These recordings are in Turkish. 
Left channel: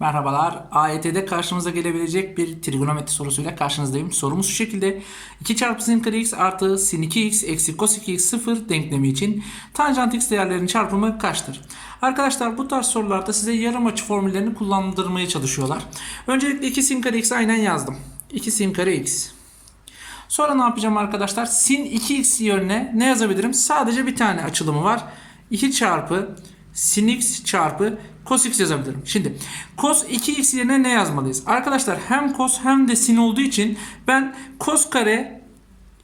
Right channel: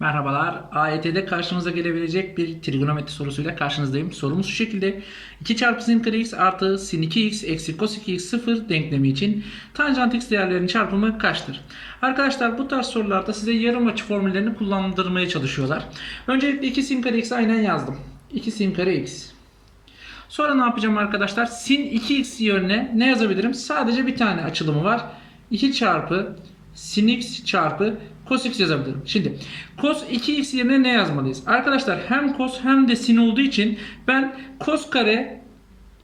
Merhabalar. AYT'de karşımıza gelebilecek bir trigonometri sorusuyla karşınızdayım. Sorumuz şu şekilde. 2 çarpı sin kare x artı sin 2x eksi cos 2x 0 denklemi için tanjant x değerlerinin çarpımı kaçtır? Arkadaşlar bu tarz sorularda size yarım açı formüllerini kullandırmaya çalışıyorlar. Öncelikle 2 sin kare x aynen yazdım. 2 sin kare x. Sonra ne yapacağım arkadaşlar? Sin 2x yerine ne yazabilirim? Sadece bir tane açılımı var. 2 çarpı sin x çarpı cos x yazabilirim. Şimdi cos 2x yerine ne yazmalıyız? Arkadaşlar hem cos hem de sin olduğu için ben cos kare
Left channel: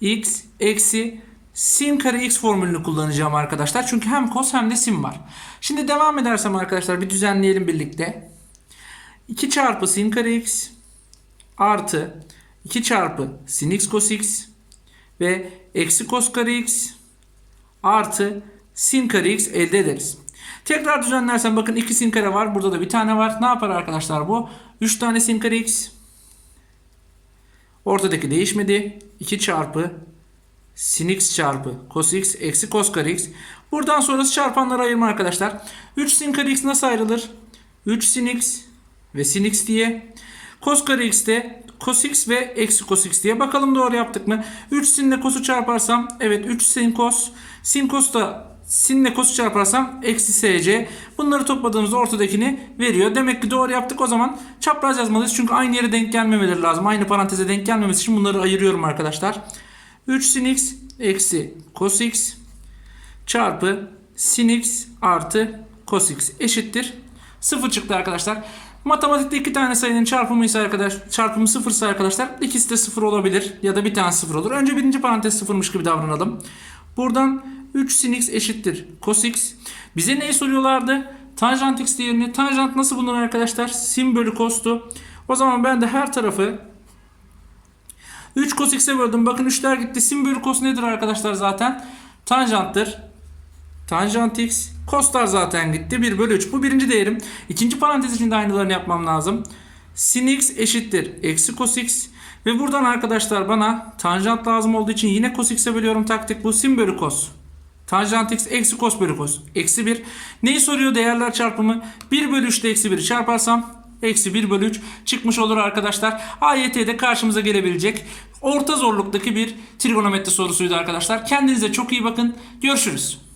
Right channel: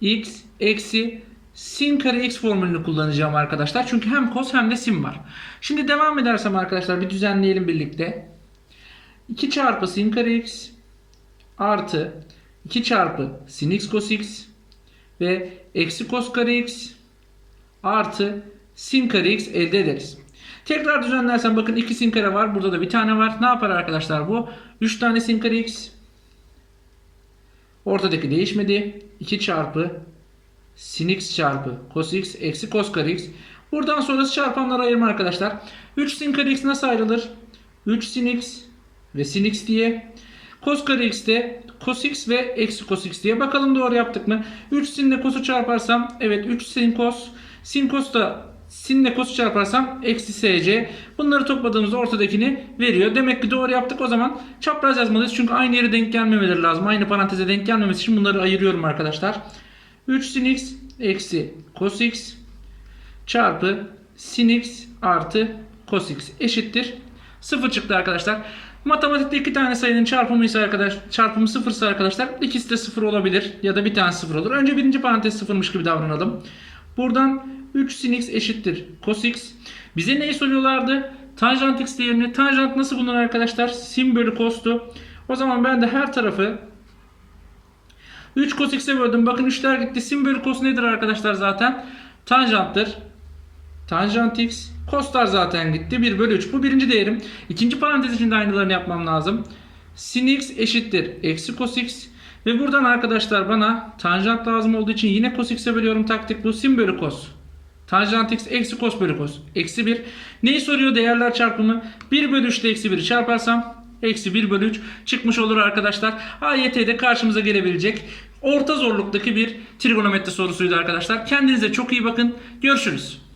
x eksi sin kare x formülünü kullanacağım arkadaşlar. Çünkü hem cos hem de sin var. Şimdi devam edersem arkadaşlar bir düzenleyelim birlikte. 2 çarpı sin kare x artı 2 çarpı sin x cos x ve eksi cos kare x artı sin kare x elde ederiz. Tekrar düzenlersem bakın 2 sin kare var. Burada da bir tane var. Ne yapar arkadaşlar bu? 3 tane sin kare x. Ortadaki değişmedi. 2 çarpı sin x çarpı cos x eksi cos kare x. Buradan sonrası çarpanlara ayırma arkadaşlar. 3 sin kare x nasıl ayrılır? 3 sin x ve sin x diye. Cos kare x de cos x ve eksi cos x diye. Bakalım doğru yaptık mı? 3 sin ile cos'u çarparsam evet 3 sin cos. Sin cos da sin ile cos'u çarparsam eksi sc. Bunları topladığımızda ortadakini veriyor. Demek ki doğru yaptık. O zaman çapraz yazmalıyız. Çünkü aynı yere denk gelmemeleri lazım. Aynı paranteze denk gelmemesi için bunları ayırıyorum arkadaşlar. 3 sin x eksi cos x çarpı sin x artı cos x eşittir. 0 çıktı arkadaşlar. Matematikte iki tane sayının çarpımı ise arkadaş çarpımı sıfırsa arkadaşlar ikisi de sıfır olabilir ya da bir tane sıfır olur. Önce birinci parantez sıfırmış gibi davranalım. Buradan 3 sin x eşittir cos x. Bize neyi soruyorlardı? Tanjant x değerini. Tanjant nasıl bulunur arkadaşlar? Sin bölü cos'tu. O zaman ben de her tarafı 3 cos x'e böldüm. Bakın 3'ler gitti. Sin bölü cos nedir arkadaşlar zaten? Tanjanttır. Tanjant x. Cos'lar zaten gitti. 1 bölü 3. Bu birinci değerim. İkinci parantez için de aynılarını yapmam lazım. Sin x eşittir. Eksi cos x. Ve buradan arkadaşlar bana tanjant lazım olduğu için yine cos x'e bölüyorum taktik. Bu sin bölü cos. Tanjant x eksi cos bölü cos. Eksi 1. Neyi soruyor değerler çarpımı? 1 bölü 3 ile eksi 1'i çarparsam eksi 1 bölü 3 çıkmış olur arkadaşlar. AYT'de karşımıza gelebilecek orta zorluktaki bir trigonometri sorusuydu arkadaşlar. Kendinize çok iyi bakın. Görüşürüz.